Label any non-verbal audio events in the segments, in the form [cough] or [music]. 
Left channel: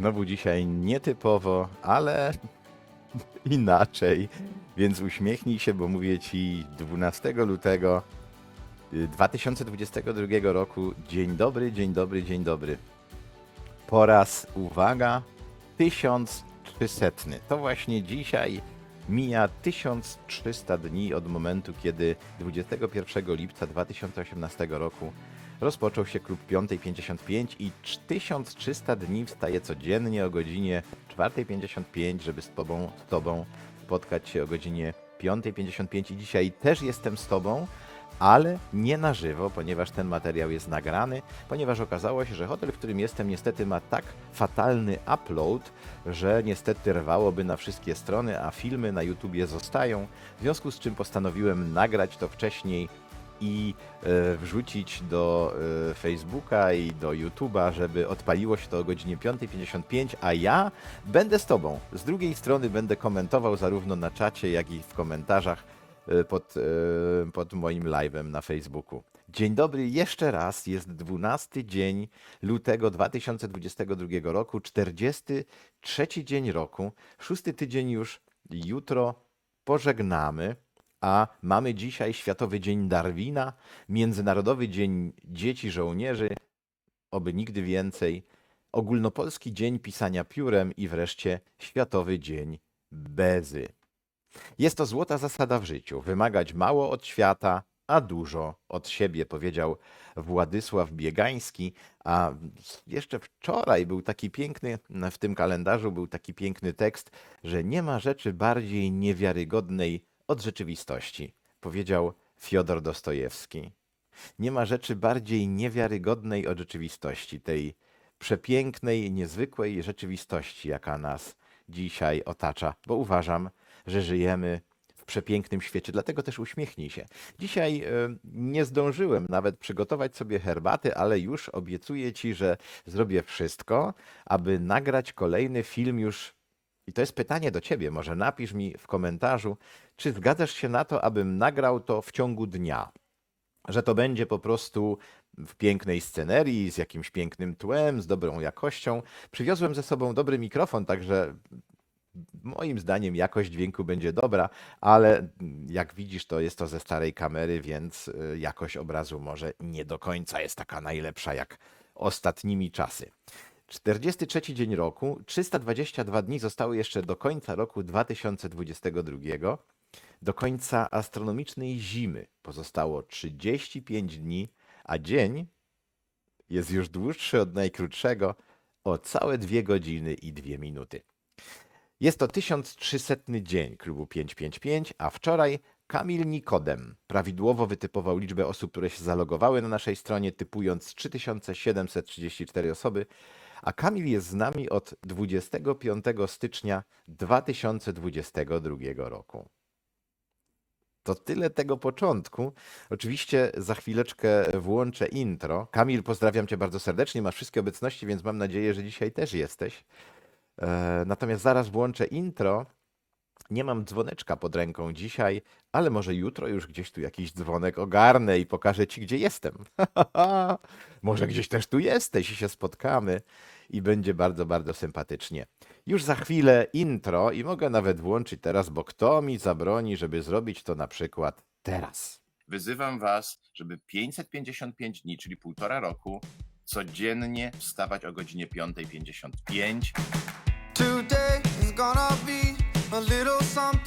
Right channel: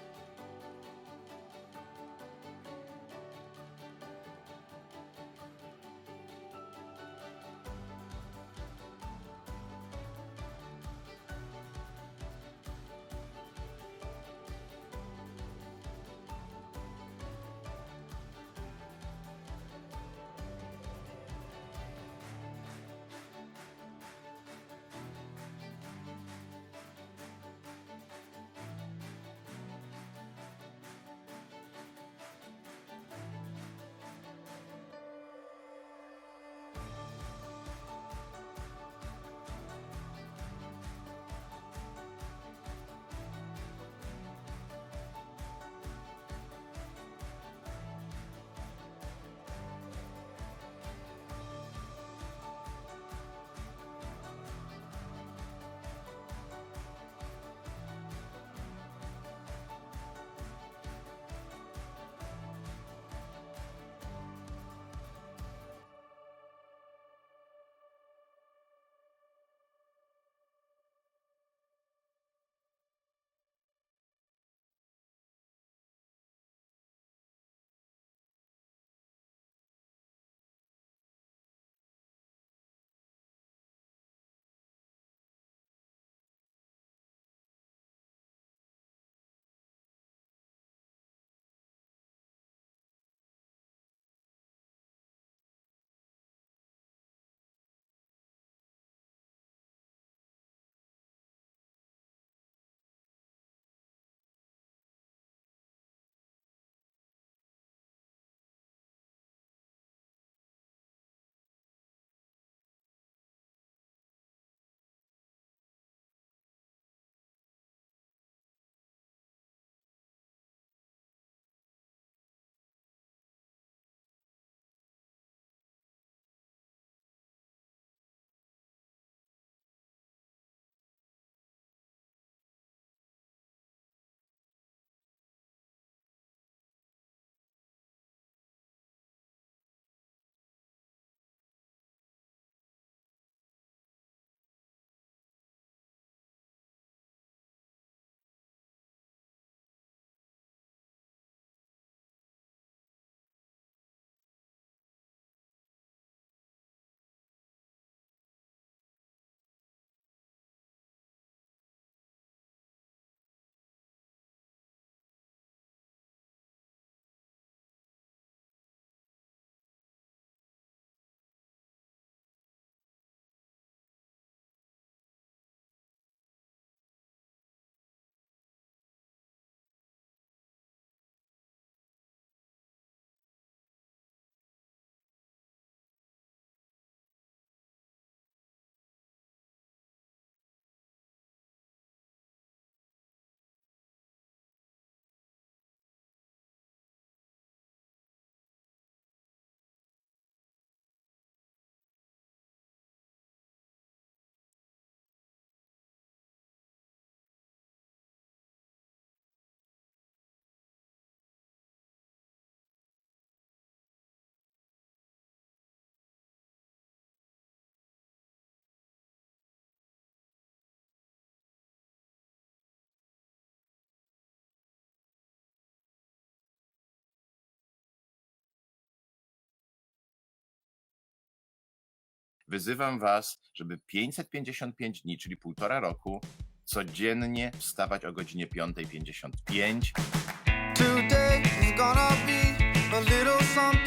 Znowu dzisiaj nietypowo, ale [laughs] inaczej. Więc uśmiechnij się, bo mówię ci 12 lutego y, 2022 roku. Dzień dobry, dzień dobry, dzień dobry. Po raz, uwaga, 1300. To właśnie dzisiaj mija 1300 dni od momentu, kiedy 21 lipca 2018 roku rozpoczął się klub 5.55 i 1300 dni wstaje codziennie o godzinie 4.55, żeby z tobą, z tobą spotkać się o godzinie 5.55 i dzisiaj też jestem z tobą, ale nie na żywo, ponieważ ten materiał jest nagrany, ponieważ okazało się, że hotel, w którym jestem niestety ma tak fatalny upload, że niestety rwałoby na wszystkie strony, a filmy na YouTubie zostają, w związku z czym postanowiłem nagrać to wcześniej i e, wrzucić do e, Facebooka i do YouTube'a, żeby odpaliło się to o godzinie 5.55, a ja będę z Tobą. Z drugiej strony będę komentował zarówno na czacie, jak i w komentarzach e, pod, pod moim live'em na Facebooku. Dzień dobry jeszcze raz, jest 12 dzień lutego 2022 roku, 43 dzień roku, szósty tydzień już jutro pożegnamy. A mamy dzisiaj Światowy Dzień Darwina, Międzynarodowy Dzień Dzieci Żołnierzy, oby nigdy więcej, Ogólnopolski Dzień Pisania Piórem i wreszcie Światowy Dzień Bezy. Jest to złota zasada w życiu. Wymagać mało od świata, a dużo od siebie, powiedział Władysław Biegański. A jeszcze wczoraj był taki piękny, w tym kalendarzu był taki piękny tekst, że nie ma rzeczy bardziej niewiarygodnej od rzeczywistości, powiedział Fiodor Dostojewski. Nie ma rzeczy bardziej niewiarygodnej od rzeczywistości, tej przepięknej, niezwykłej rzeczywistości, jaka nas dzisiaj otacza, bo uważam, że żyjemy w przepięknym świecie, dlatego też uśmiechnij się. Dzisiaj e, nie zdążyłem nawet przygotować sobie herbaty, ale już obiecuję Ci, że zrobię wszystko, aby nagrać kolejny film już. I to jest pytanie do Ciebie, może napisz mi w komentarzu, czy zgadzasz się na to, abym nagrał to w ciągu dnia? Że to będzie po prostu w pięknej scenerii, z jakimś pięknym tłem, z dobrą jakością. Przywiozłem ze sobą dobry mikrofon, także moim zdaniem jakość dźwięku będzie dobra, ale jak widzisz, to jest to ze starej kamery, więc y, jakość obrazu może nie do końca jest taka najlepsza jak ostatnimi czasy. 43 dzień roku, 322 dni zostały jeszcze do końca roku 2022. Do końca astronomicznej zimy pozostało 35 dni, a dzień jest już dłuższy od najkrótszego o całe 2 godziny i 2 minuty. Jest to 1300 dzień klubu 555, a wczoraj Kamil Nikodem prawidłowo wytypował liczbę osób, które się zalogowały na naszej stronie, typując 3734 osoby, a Kamil jest z nami od 25 stycznia 2022 roku. To tyle tego początku. Oczywiście za chwileczkę włączę intro. Kamil, pozdrawiam Cię bardzo serdecznie. Masz wszystkie obecności, więc mam nadzieję, że dzisiaj też jesteś. E, Natomiast zaraz włączę intro. Nie mam dzwoneczka pod ręką dzisiaj, ale może jutro już gdzieś tu jakiś dzwonek ogarnę i pokażę Ci, gdzie jestem. [laughs] może gdzieś też tu jesteś i się spotkamy i będzie bardzo, bardzo sympatycznie. Już za chwilę intro i mogę nawet włączyć teraz, bo kto mi zabroni, żeby zrobić to na przykład teraz. Wyzywam Was, żeby 555 dni, czyli półtora roku, codziennie wstawać o godzinie 5.55. Today is gonna be a little something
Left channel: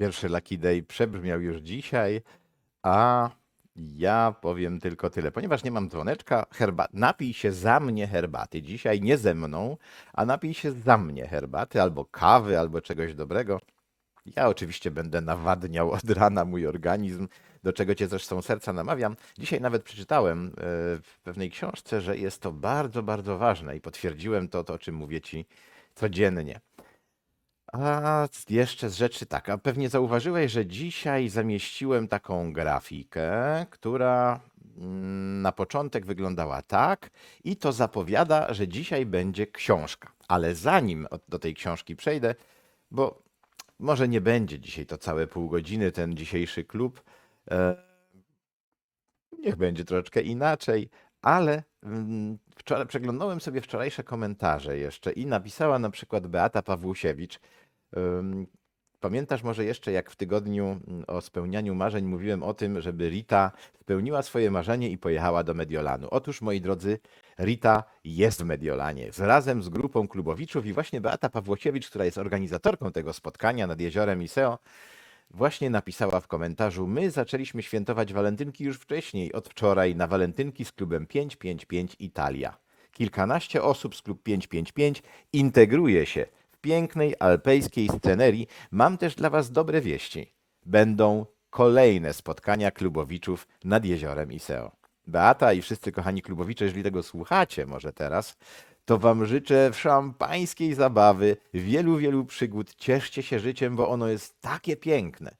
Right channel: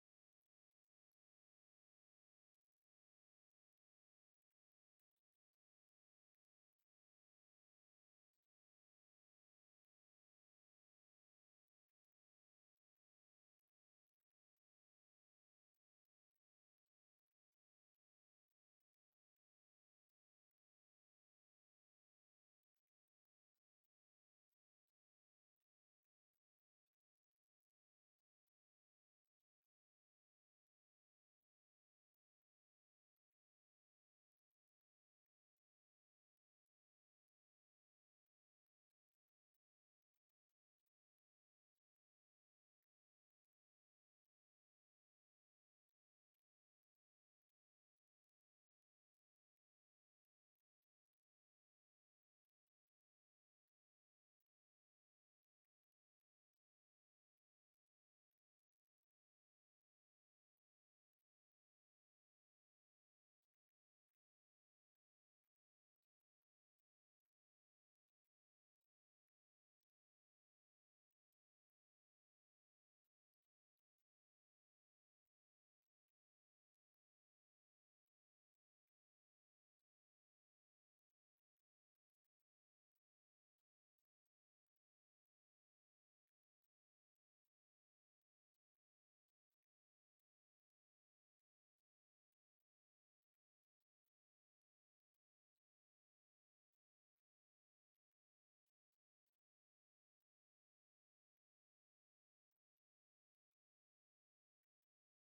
Pierwszy Lucky Day przebrzmiał już dzisiaj, a Ja powiem tylko tyle. Ponieważ nie mam dzwoneczka, herba... napij się za mnie herbaty. Dzisiaj nie ze mną, a napij się za mnie herbaty, albo kawy, albo czegoś dobrego. Ja oczywiście będę nawadniał od rana mój organizm, do czego cię zresztą serca namawiam. Dzisiaj nawet przeczytałem e, w pewnej książce, że jest to bardzo, bardzo ważne i potwierdziłem to, to o czym mówię ci codziennie. A jeszcze z rzeczy tak, a pewnie zauważyłeś, że dzisiaj zamieściłem taką grafikę, która mm, na początek wyglądała tak i to zapowiada, że dzisiaj będzie książka. Ale zanim do tej książki przejdę, bo może nie będzie dzisiaj to całe pół godziny, ten dzisiejszy klub, e, niech będzie troszeczkę inaczej, ale mm, wczoraj przeglądałem sobie wczorajsze komentarze jeszcze i napisała na przykład Beata Pawłusiewicz. Pamiętasz może jeszcze, jak w tygodniu mm, o spełnianiu marzeń mówiłem o tym, żeby Rita spełniła swoje marzenie i pojechała do Mediolanu. Otóż, moi drodzy, Rita jest w Mediolanie z, razem z grupą klubowiczów i właśnie Beata Pawłosiewicz, która jest organizatorką tego spotkania nad jeziorem Iseo, właśnie napisała w komentarzu: My zaczęliśmy świętować walentynki już wcześniej, od wczoraj na walentynki z klubem 555 Italia. Kilkanaście osób z klub 555 integruje się pięknej alpejskiej scenerii. Mam też dla Was dobre wieści. Będą kolejne spotkania klubowiczów nad jeziorem Iseo. Beata i wszyscy kochani klubowicze, jeżeli tego słuchacie może teraz, to Wam życzę szampańskiej zabawy, wielu, wielu przygód. Cieszcie się życiem, bo ono jest takie piękne.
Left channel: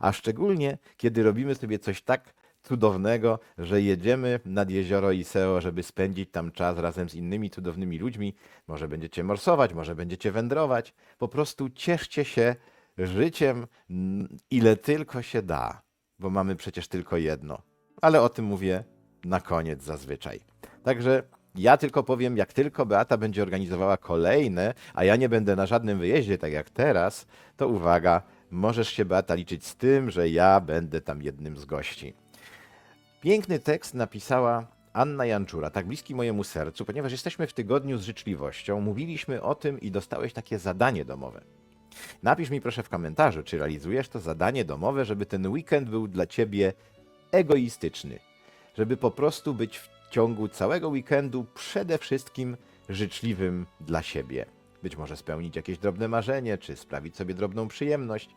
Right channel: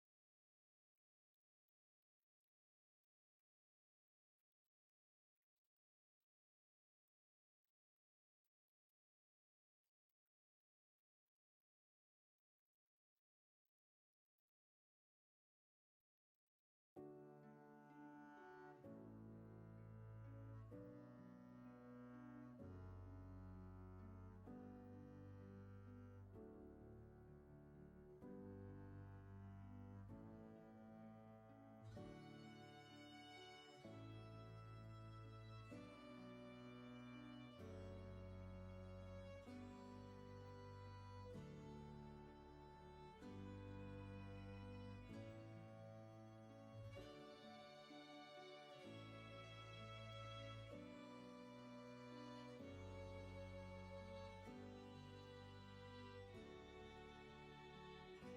A szczególnie, kiedy robimy sobie coś tak cudownego, że jedziemy nad jezioro Iseo, żeby spędzić tam czas razem z innymi cudownymi ludźmi. Może będziecie morsować, może będziecie wędrować. Po prostu cieszcie się życiem, mm, ile tylko się da, bo mamy przecież tylko jedno. Ale o tym mówię na koniec zazwyczaj. Także ja tylko powiem, jak tylko Beata będzie organizowała kolejne, a ja nie będę na żadnym wyjeździe, tak jak teraz, to uwaga, możesz się Beata liczyć z tym, że ja będę tam jednym z gości. Piękny tekst napisała Anna Janczura, tak bliski mojemu sercu, ponieważ jesteśmy w tygodniu z życzliwością. Mówiliśmy o tym i dostałeś takie zadanie domowe. Napisz mi proszę w komentarzu, czy realizujesz to zadanie domowe, żeby ten weekend był dla ciebie egoistyczny. Żeby po prostu być w ciągu całego weekendu przede wszystkim życzliwym dla siebie. Być może spełnić jakieś drobne marzenie, czy sprawić sobie drobną przyjemność,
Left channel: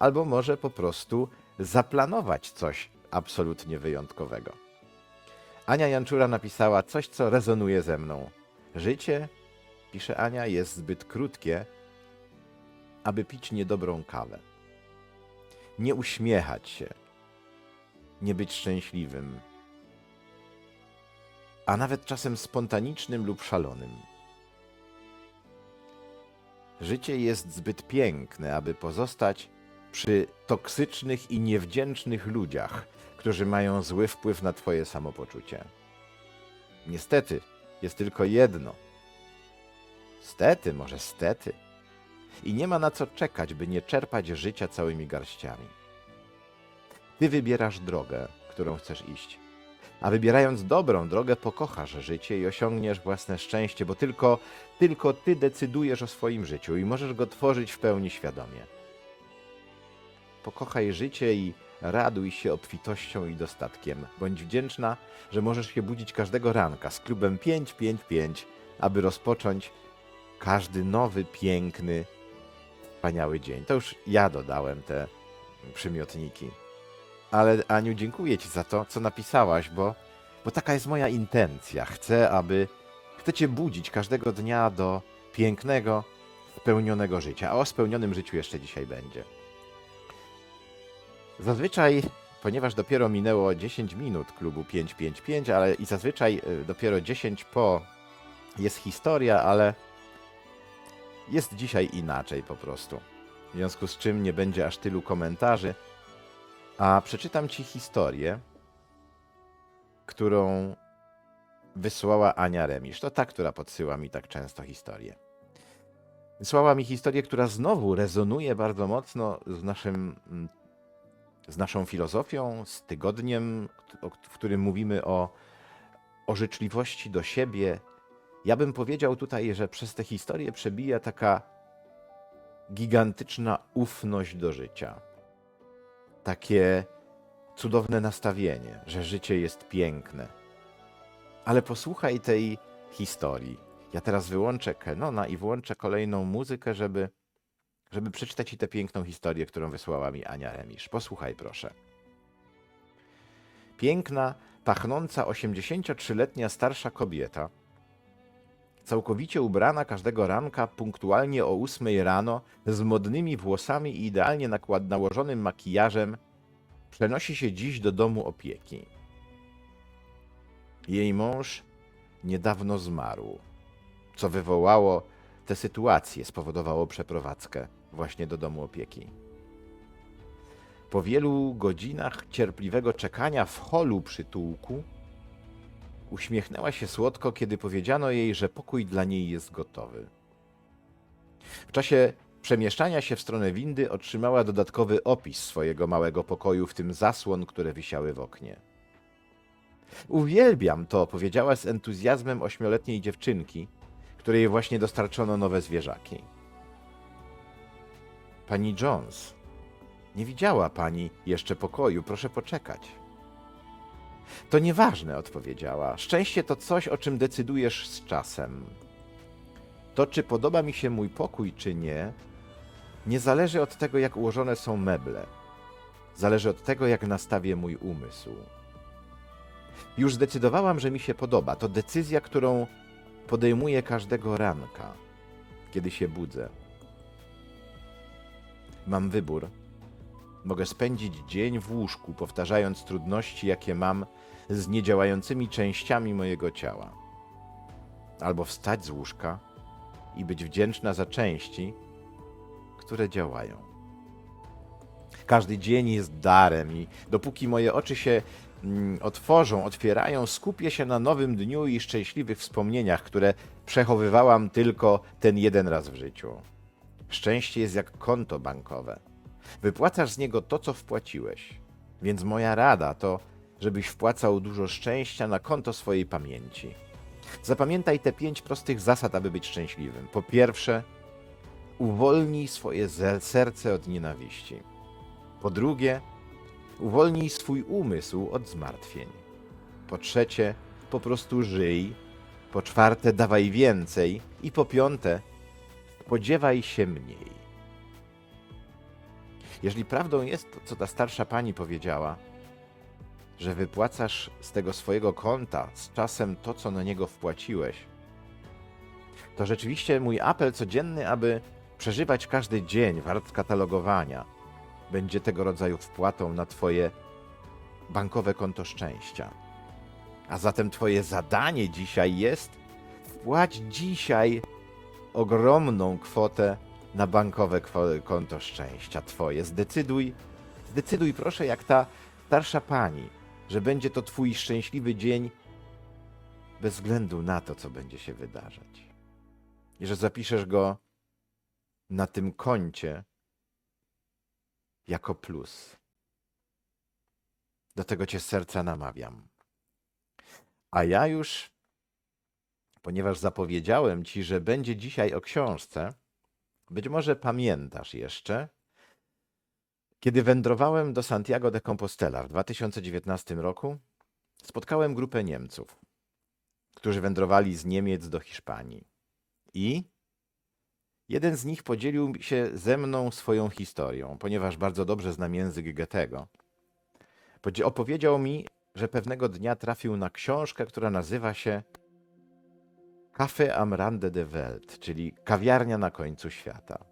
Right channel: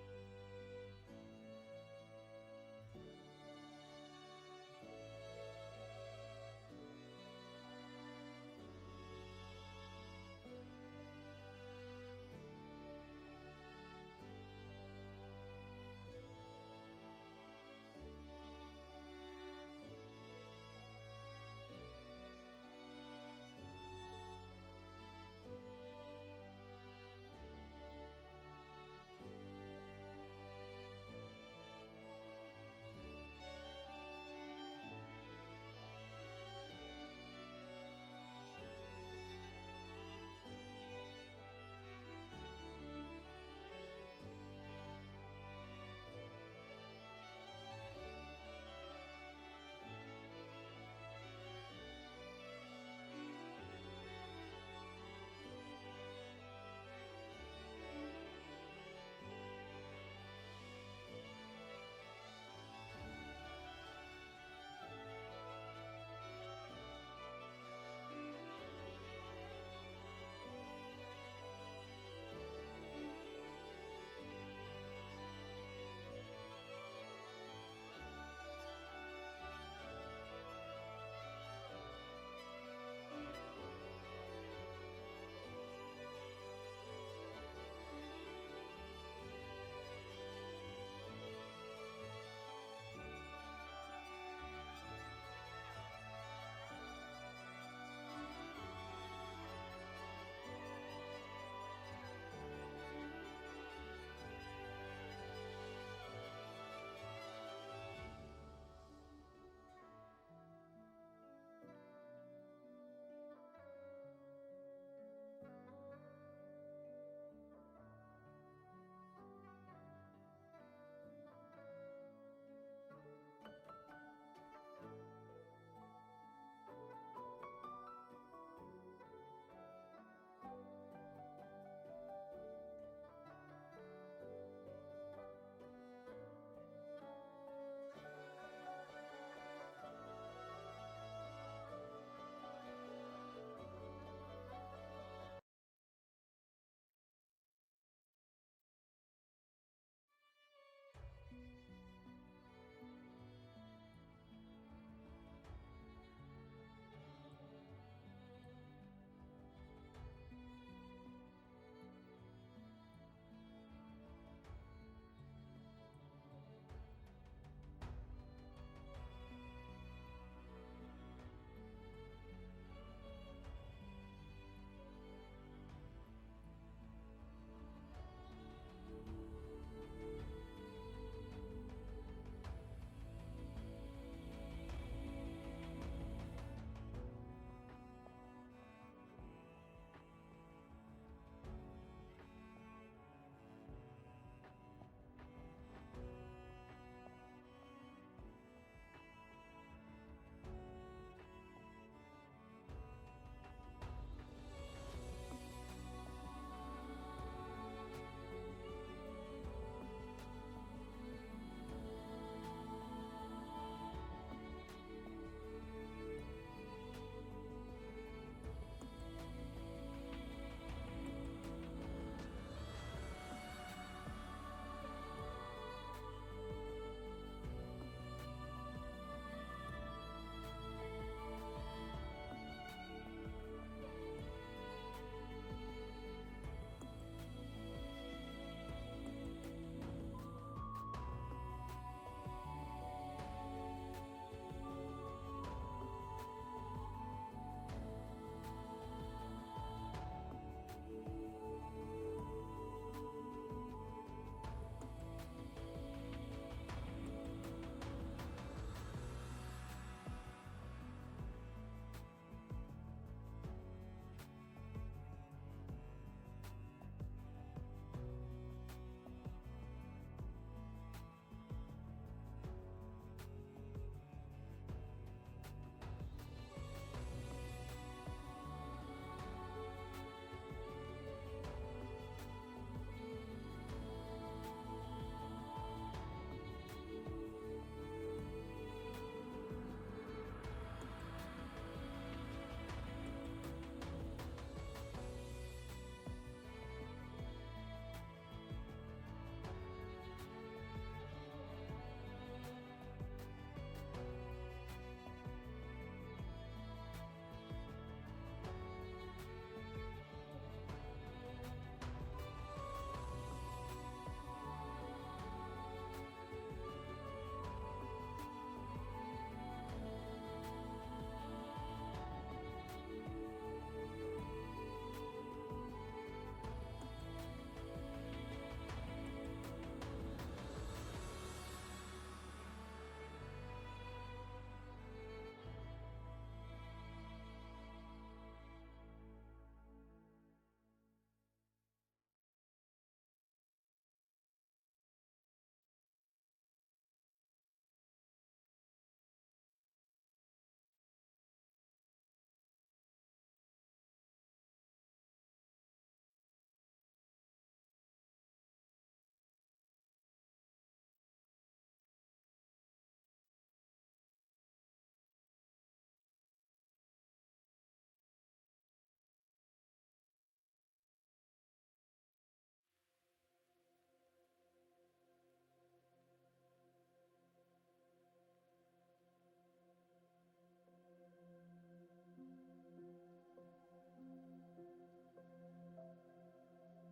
albo może po prostu zaplanować coś absolutnie wyjątkowego. Ania Janczura napisała coś, co rezonuje ze mną. Życie, pisze Ania, jest zbyt krótkie, aby pić niedobrą kawę. Nie uśmiechać się, nie być szczęśliwym, a nawet czasem spontanicznym lub szalonym. Życie jest zbyt piękne, aby pozostać przy toksycznych i niewdzięcznych ludziach, którzy mają zły wpływ na Twoje samopoczucie. Niestety, jest tylko jedno. Stety, może stety. I nie ma na co czekać, by nie czerpać życia całymi garściami. Ty wybierasz drogę, którą chcesz iść. A wybierając dobrą drogę, pokochasz życie i osiągniesz własne szczęście, bo tylko, tylko ty decydujesz o swoim życiu i możesz go tworzyć w pełni świadomie. Pokochaj życie i raduj się obfitością i dostatkiem. Bądź wdzięczna, że możesz się budzić każdego ranka z klubem 555, aby rozpocząć każdy nowy, piękny, wspaniały dzień. To już ja dodałem te przymiotniki. Ale Aniu, dziękuję Ci za to, co napisałaś, bo, bo taka jest moja intencja. Chcę, aby chcę Cię budzić każdego dnia do pięknego, spełnionego życia. A o spełnionym życiu jeszcze dzisiaj będzie. Zazwyczaj, ponieważ dopiero minęło 10 minut klubu 555, ale i zazwyczaj y, dopiero 10 po jest historia, ale jest dzisiaj inaczej po prostu. W związku z czym nie będzie aż tylu komentarzy. A przeczytam ci historię, którą wysłała Ania Remisz. To ta, która podsyła mi tak często historię. Wysłała mi historię, która znowu rezonuje bardzo mocno z naszym, mm, z naszą filozofią, z tygodniem, w którym mówimy o, o życzliwości do siebie. Ja bym powiedział tutaj, że przez tę historię przebija taka gigantyczna ufność do życia takie cudowne nastawienie, że życie jest piękne. Ale posłuchaj tej historii. Ja teraz wyłączę Kenona i włączę kolejną muzykę, żeby, żeby przeczytać ci tę piękną historię, którą wysłała mi Ania Remisz. Posłuchaj proszę. Piękna, pachnąca 83-letnia starsza kobieta, całkowicie ubrana każdego ranka punktualnie o 8 rano, z modnymi włosami i idealnie nałożonym makijażem, przenosi się dziś do domu opieki. Jej mąż niedawno zmarł, co wywołało tę sytuację, spowodowało przeprowadzkę właśnie do domu opieki. Po wielu godzinach cierpliwego czekania w holu przytułku, uśmiechnęła się słodko, kiedy powiedziano jej, że pokój dla niej jest gotowy. W czasie przemieszczania się w stronę windy otrzymała dodatkowy opis swojego małego pokoju, w tym zasłon, które wisiały w oknie. Uwielbiam to, powiedziała z entuzjazmem ośmioletniej dziewczynki, której właśnie dostarczono nowe zwierzaki. Pani Jones, nie widziała pani jeszcze pokoju, proszę poczekać. To nieważne, odpowiedziała. Szczęście to coś, o czym decydujesz z czasem. To, czy podoba mi się mój pokój, czy nie, nie zależy od tego, jak ułożone są meble. Zależy od tego, jak nastawię mój umysł. Już zdecydowałam, że mi się podoba. To decyzja, którą podejmuję każdego ranka, kiedy się budzę. Mam wybór. Mogę spędzić dzień w łóżku, powtarzając trudności, jakie mam z niedziałającymi częściami mojego ciała. Albo wstać z łóżka i być wdzięczna za części, które działają. Każdy dzień jest darem i dopóki moje oczy się otworzą, otwierają, skupię się na nowym dniu i szczęśliwych wspomnieniach, które przechowywałam tylko ten jeden raz w życiu. Szczęście jest jak konto bankowe. Wypłacasz z niego to, co wpłaciłeś. Więc moja rada to, żebyś wpłacał dużo szczęścia na konto swojej pamięci. Zapamiętaj te pięć prostych zasad, aby być szczęśliwym. Po pierwsze, uwolnij swoje serce od nienawiści. Po drugie, uwolnij swój umysł od zmartwień. Po trzecie, po prostu żyj. Po czwarte, dawaj więcej. I po piąte, spodziewaj się mniej. Jeżeli prawdą jest to, co ta starsza pani powiedziała, że wypłacasz z tego swojego konta z czasem to, co na niego wpłaciłeś, to rzeczywiście mój apel codzienny, aby przeżywać każdy dzień wart katalogowania, będzie tego rodzaju wpłatą na Twoje bankowe konto szczęścia. A zatem Twoje zadanie dzisiaj jest wpłać dzisiaj ogromną kwotę na bankowe konto szczęścia Twoje. Zdecyduj, zdecyduj proszę, jak ta starsza pani, że będzie to Twój szczęśliwy dzień bez względu na to, co będzie się wydarzać. I że zapiszesz go na tym koncie jako plus. Do tego Cię z serca namawiam. A ja już, ponieważ zapowiedziałem Ci, że będzie dzisiaj o książce, być może pamiętasz jeszcze, kiedy wędrowałem do Santiago de Compostela w 2019 roku, spotkałem grupę Niemców, którzy wędrowali z Niemiec do Hiszpanii. I jeden z nich podzielił się ze mną swoją historią, ponieważ bardzo dobrze znam język Goethego. Opowiedział mi, że pewnego dnia trafił na książkę, która nazywa się Café am Rande de Welt, czyli kawiarnia na końcu świata.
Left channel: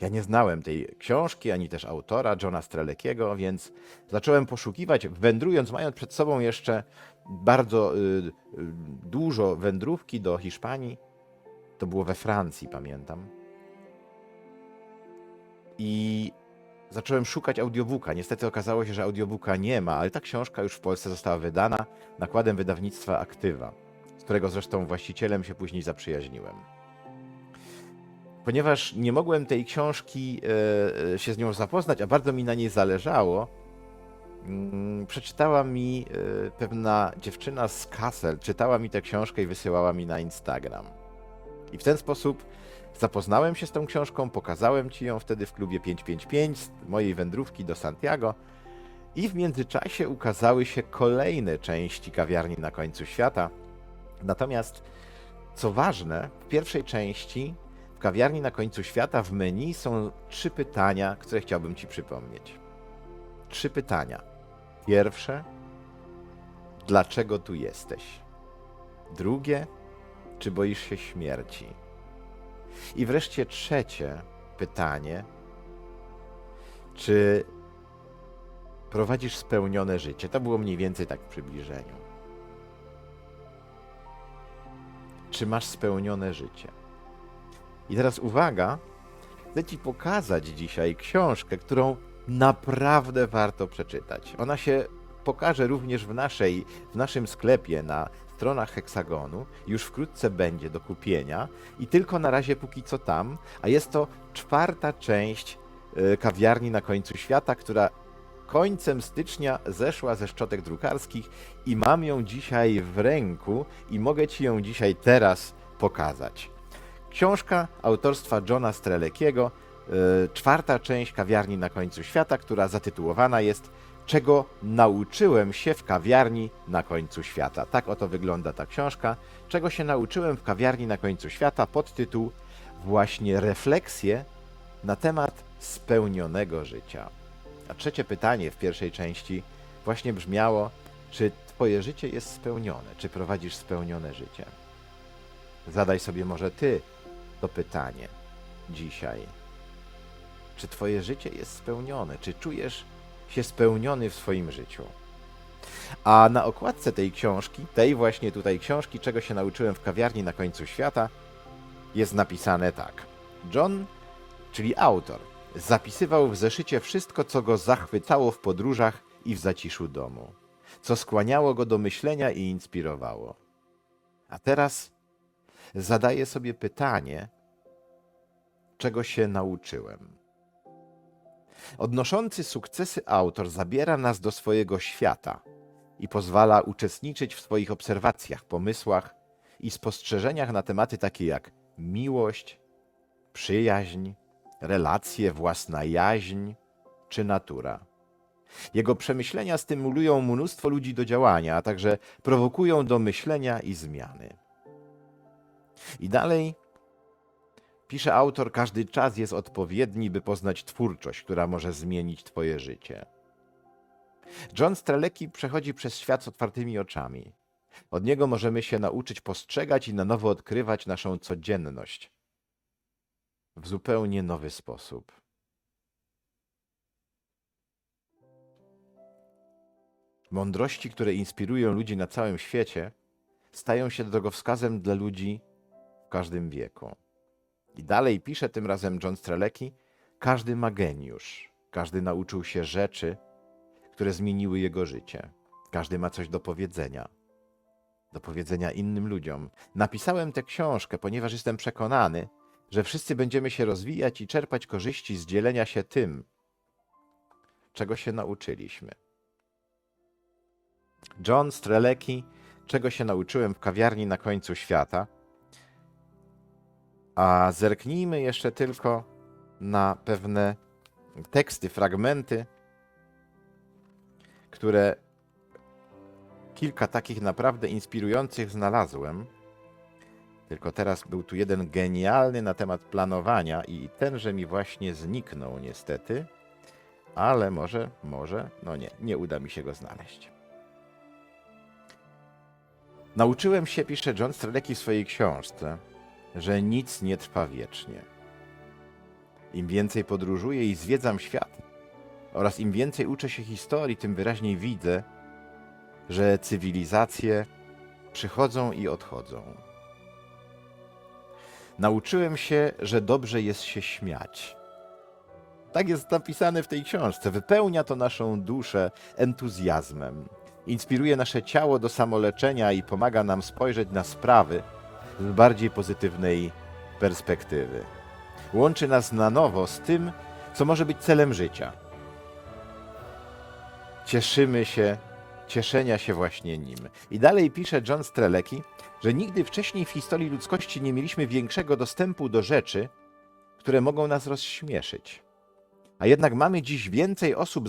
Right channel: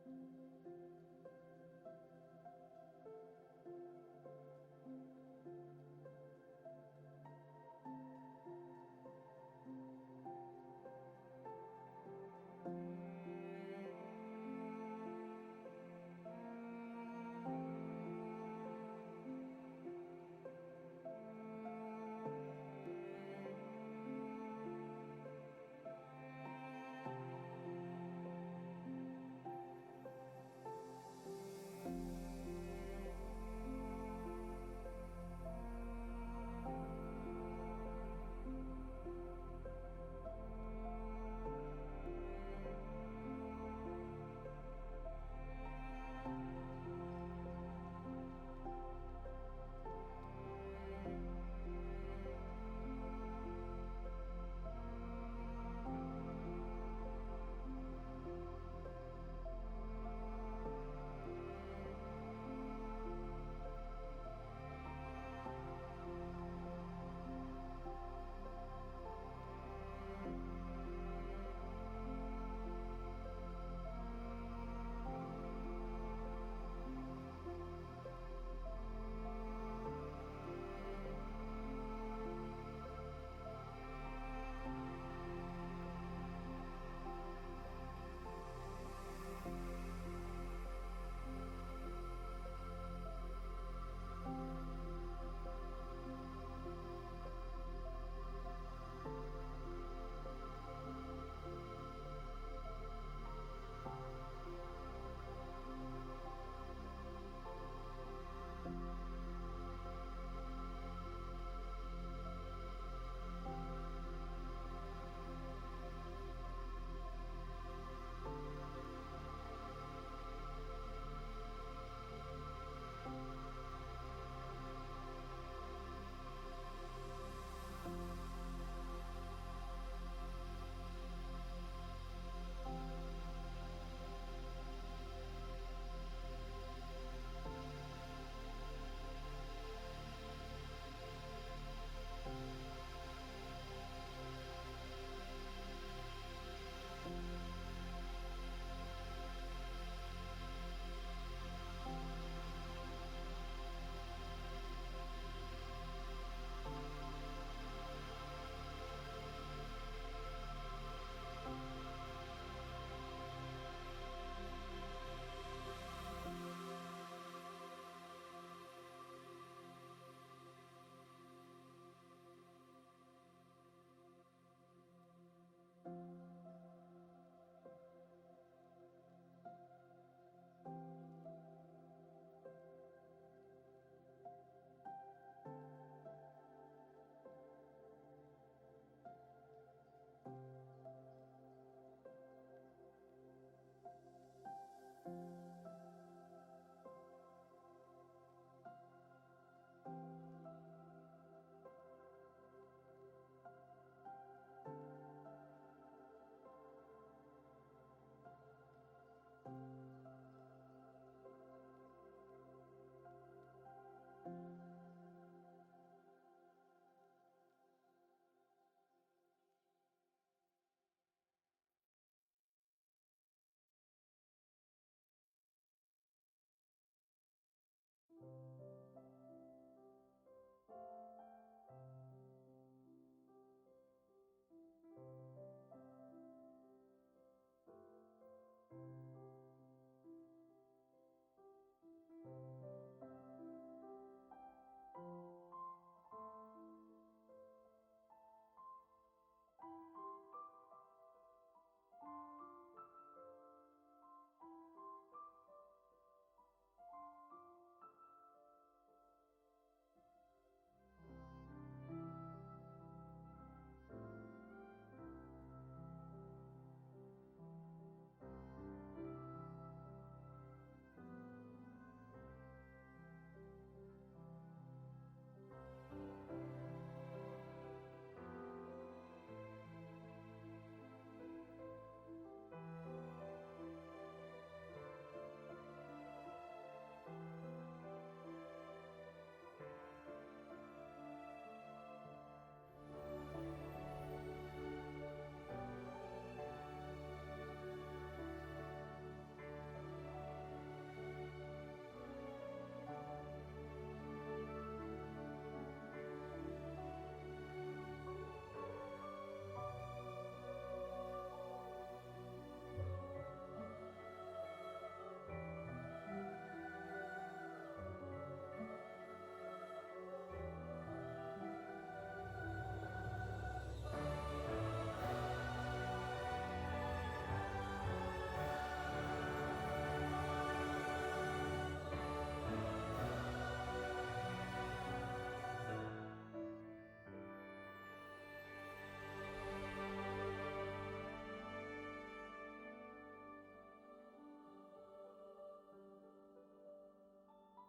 Ja nie znałem tej książki, ani też autora, Johna Strelekiego, więc zacząłem poszukiwać, wędrując, mając przed sobą jeszcze bardzo y, y, dużo wędrówki do Hiszpanii. To było we Francji, pamiętam. I zacząłem szukać audiobooka. Niestety okazało się, że audiobooka nie ma, ale ta książka już w Polsce została wydana nakładem wydawnictwa Aktywa, z którego zresztą właścicielem się później zaprzyjaźniłem. Ponieważ nie mogłem tej książki e, e, się z nią zapoznać, a bardzo mi na niej zależało, mm, przeczytała mi e, pewna dziewczyna z Kassel, czytała mi tę książkę i wysyłała mi na Instagram. I w ten sposób zapoznałem się z tą książką, pokazałem ci ją wtedy w klubie 555 z mojej wędrówki do Santiago I w międzyczasie ukazały się kolejne części kawiarni na końcu świata. Natomiast, co ważne, w pierwszej części w kawiarni na końcu świata w menu są trzy pytania, które chciałbym Ci przypomnieć. Trzy pytania. Pierwsze, dlaczego tu jesteś? Drugie, czy boisz się śmierci? I wreszcie trzecie pytanie, czy prowadzisz spełnione życie? To było mniej więcej tak w przybliżeniu. Czy masz spełnione życie? I teraz uwaga, chcę Ci pokazać dzisiaj książkę, którą naprawdę warto przeczytać. Ona się pokaże również w, naszej, w naszym sklepie na stronach Heksagonu. Już wkrótce będzie do kupienia i tylko na razie póki co tam, a jest to czwarta część y, kawiarni na końcu świata, która końcem stycznia zeszła ze szczotek drukarskich i mam ją dzisiaj w ręku i mogę Ci ją dzisiaj teraz pokazać. Książka autorstwa Johna Strelekiego, y, czwarta część kawiarni na końcu świata, która zatytułowana jest Czego nauczyłem się w kawiarni na końcu świata. Tak oto wygląda ta książka. Czego się nauczyłem w kawiarni na końcu świata? Podtytuł właśnie refleksje na temat spełnionego życia. A trzecie pytanie w pierwszej części właśnie brzmiało, czy twoje życie jest spełnione, czy prowadzisz spełnione życie? Zadaj sobie może ty to pytanie dzisiaj. Czy twoje życie jest spełnione? Czy czujesz się spełniony w swoim życiu? A na okładce tej książki, tej właśnie tutaj książki, czego się nauczyłem w kawiarni na końcu świata, jest napisane tak. John, czyli autor, zapisywał w zeszycie wszystko, co go zachwycało w podróżach i w zaciszu domu, co skłaniało go do myślenia i inspirowało. A teraz zadaję sobie pytanie, czego się nauczyłem. Odnoszący sukcesy autor zabiera nas do swojego świata i pozwala uczestniczyć w swoich obserwacjach, pomysłach i spostrzeżeniach na tematy takie jak miłość, przyjaźń, relacje, własna jaźń czy natura. Jego przemyślenia stymulują mnóstwo ludzi do działania, a także prowokują do myślenia i zmiany. I dalej pisze autor, każdy czas jest odpowiedni, by poznać twórczość, która może zmienić Twoje życie. John Strelecki przechodzi przez świat z otwartymi oczami. Od niego możemy się nauczyć postrzegać i na nowo odkrywać naszą codzienność w zupełnie nowy sposób. Mądrości, które inspirują ludzi na całym świecie, stają się drogowskazem dla ludzi w każdym wieku. I dalej pisze tym razem John Strelecki, każdy ma geniusz, każdy nauczył się rzeczy, które zmieniły jego życie. Każdy ma coś do powiedzenia, do powiedzenia innym ludziom. Napisałem tę książkę, ponieważ jestem przekonany, że wszyscy będziemy się rozwijać i czerpać korzyści z dzielenia się tym, czego się nauczyliśmy. John Strelecki, czego się nauczyłem w kawiarni na końcu świata. A zerknijmy jeszcze tylko na pewne teksty, fragmenty, które kilka takich naprawdę inspirujących znalazłem. Tylko teraz był tu jeden genialny na temat planowania i tenże mi właśnie zniknął niestety, ale może, może, no nie, nie uda mi się go znaleźć. Nauczyłem się, pisze John Strelecki w swojej książce, że nic nie trwa wiecznie. Im więcej podróżuję i zwiedzam świat oraz im więcej uczę się historii, tym wyraźniej widzę, że cywilizacje przychodzą i odchodzą. Nauczyłem się, że dobrze jest się śmiać. Tak jest napisane w tej książce. Wypełnia to naszą duszę entuzjazmem. Inspiruje nasze ciało do samoleczenia i pomaga nam spojrzeć na sprawy z bardziej pozytywnej perspektywy. Łączy nas na nowo z tym, co może być celem życia. Cieszymy się, cieszenia się właśnie nim. I dalej pisze John Strelecki, że nigdy wcześniej w historii ludzkości nie mieliśmy większego dostępu do rzeczy, które mogą nas rozśmieszyć. A jednak mamy dziś więcej osób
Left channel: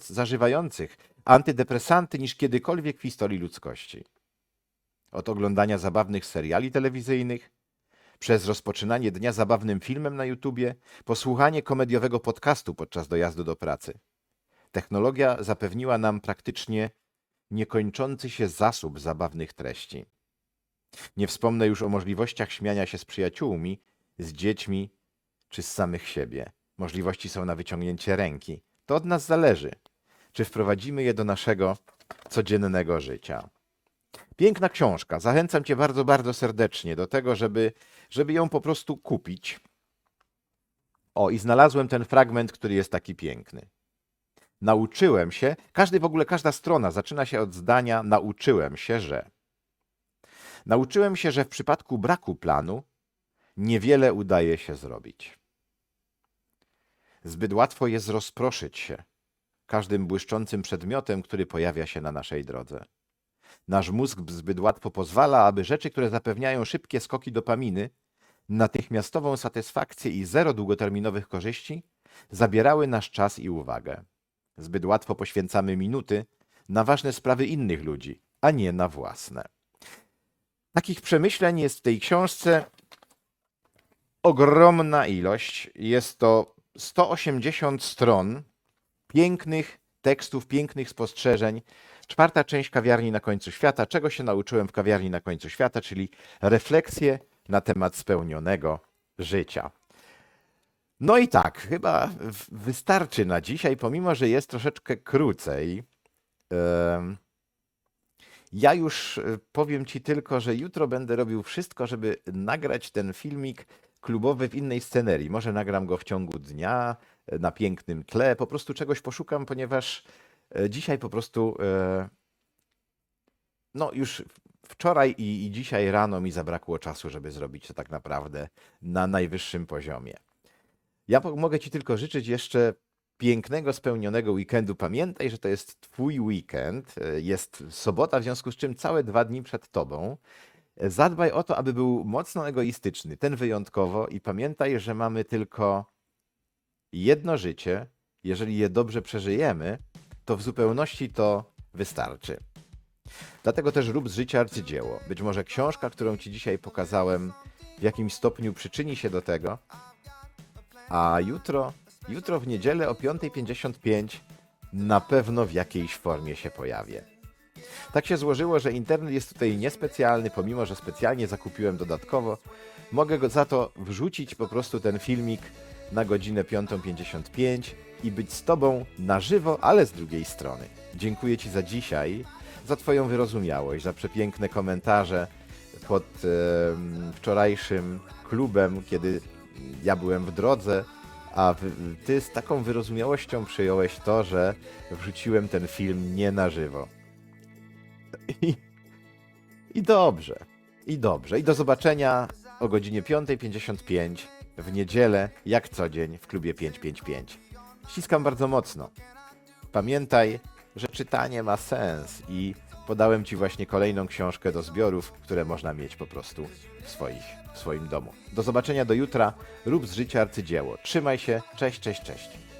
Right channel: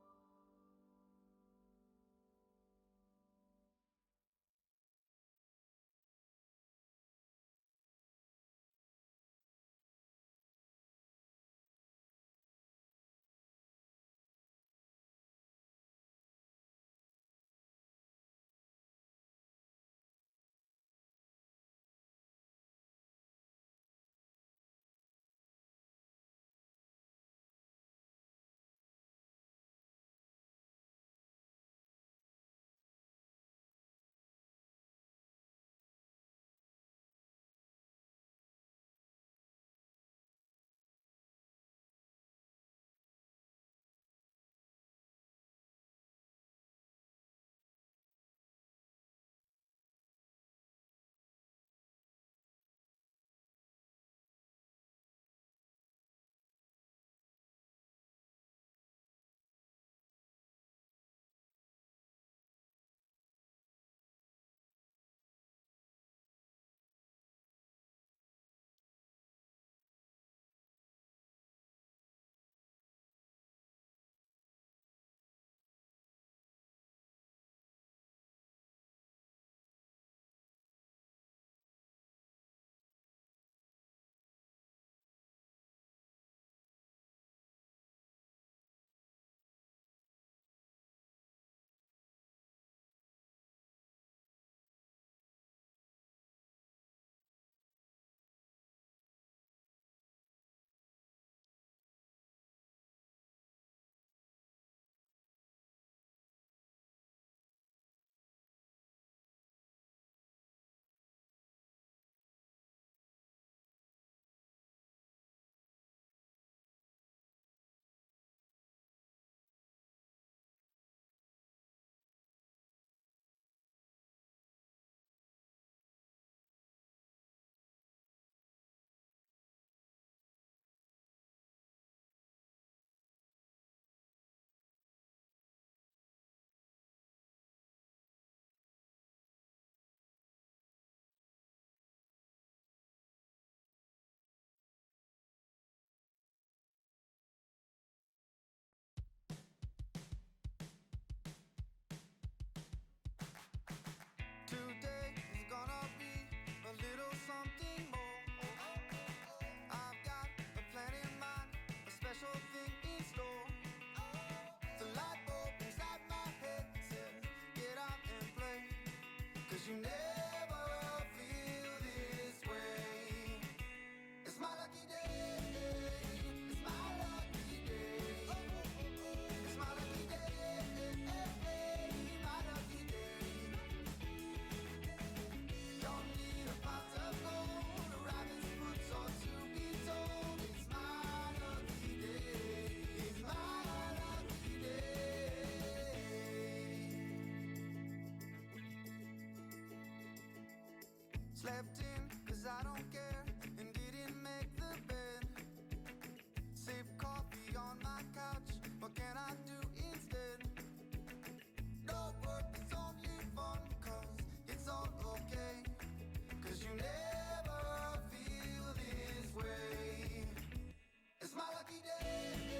zażywających antydepresanty niż kiedykolwiek w historii ludzkości. Od oglądania zabawnych seriali telewizyjnych, przez rozpoczynanie dnia zabawnym filmem na YouTubie, posłuchanie komediowego podcastu podczas dojazdu do pracy. Technologia zapewniła nam praktycznie niekończący się zasób zabawnych treści. Nie wspomnę już o możliwościach śmiania się z przyjaciółmi, z dziećmi czy z samych siebie. Możliwości są na wyciągnięcie ręki. To od nas zależy, czy wprowadzimy je do naszego codziennego życia. Piękna książka. Zachęcam Cię bardzo, bardzo serdecznie do tego, żeby, żeby ją po prostu kupić. O, i znalazłem ten fragment, który jest taki piękny. Nauczyłem się, każdy w ogóle, każda strona zaczyna się od zdania nauczyłem się, że. Nauczyłem się, że w przypadku braku planu niewiele udaje się zrobić. Zbyt łatwo jest rozproszyć się każdym błyszczącym przedmiotem, który pojawia się na naszej drodze. Nasz mózg zbyt łatwo pozwala, aby rzeczy, które zapewniają szybkie skoki dopaminy, natychmiastową satysfakcję i zero długoterminowych korzyści, zabierały nasz czas i uwagę. Zbyt łatwo poświęcamy minuty na ważne sprawy innych ludzi, a nie na własne. Takich przemyśleń jest w tej książce ogromna ilość. Jest to 180 stron pięknych tekstów, pięknych spostrzeżeń. Czwarta część kawiarni na końcu świata. Czego się nauczyłem w kawiarni na końcu świata, czyli refleksje na temat spełnionego życia. No i tak, chyba wystarczy na dzisiaj, pomimo że jest troszeczkę krócej. Ja już e, powiem Ci tylko, że jutro będę robił wszystko, żeby nagrać ten filmik klubowy w innej scenerii. Może nagram go w ciągu dnia, e, na pięknym tle, po prostu czegoś poszukam, ponieważ dzisiaj po prostu, e, no już wczoraj i, i dzisiaj rano mi zabrakło czasu, żeby zrobić to tak naprawdę na najwyższym poziomie. Ja mogę Ci tylko życzyć jeszcze pięknego, spełnionego weekendu. Pamiętaj, że to jest Twój weekend. e, Jest sobota, w związku z czym całe dwa dni przed Tobą. E, Zadbaj o to, aby był mocno egoistyczny, ten wyjątkowo, i pamiętaj, że mamy tylko jedno życie. Jeżeli je dobrze przeżyjemy, to w zupełności to wystarczy. Dlatego też rób z życia arcydzieło. Być może książka, którą Ci dzisiaj pokazałem, w jakimś stopniu przyczyni się do tego, a jutro, jutro w niedzielę o 5.55 na pewno w jakiejś formie się pojawię. Tak się złożyło, że internet jest tutaj niespecjalny, pomimo że specjalnie zakupiłem dodatkowo. Mogę go za to wrzucić po prostu ten filmik na godzinę 5.55 i być z Tobą na żywo, ale z drugiej strony. Dziękuję Ci za dzisiaj, za Twoją wyrozumiałość, za przepiękne komentarze pod em, wczorajszym klubem, kiedy ja byłem w drodze, a Ty z taką wyrozumiałością przyjąłeś to, że wrzuciłem ten film nie na żywo. I, I dobrze, i dobrze. I do zobaczenia o godzinie 5.55 w niedzielę, jak co dzień w klubie 555. Ściskam bardzo mocno. Pamiętaj, że czytanie ma sens i podałem Ci właśnie kolejną książkę do zbiorów, które można mieć po prostu w, swoich, w swoim domu. Do zobaczenia do jutra. Rób z życia arcydzieło. Trzymaj się. Cześć, cześć, cześć.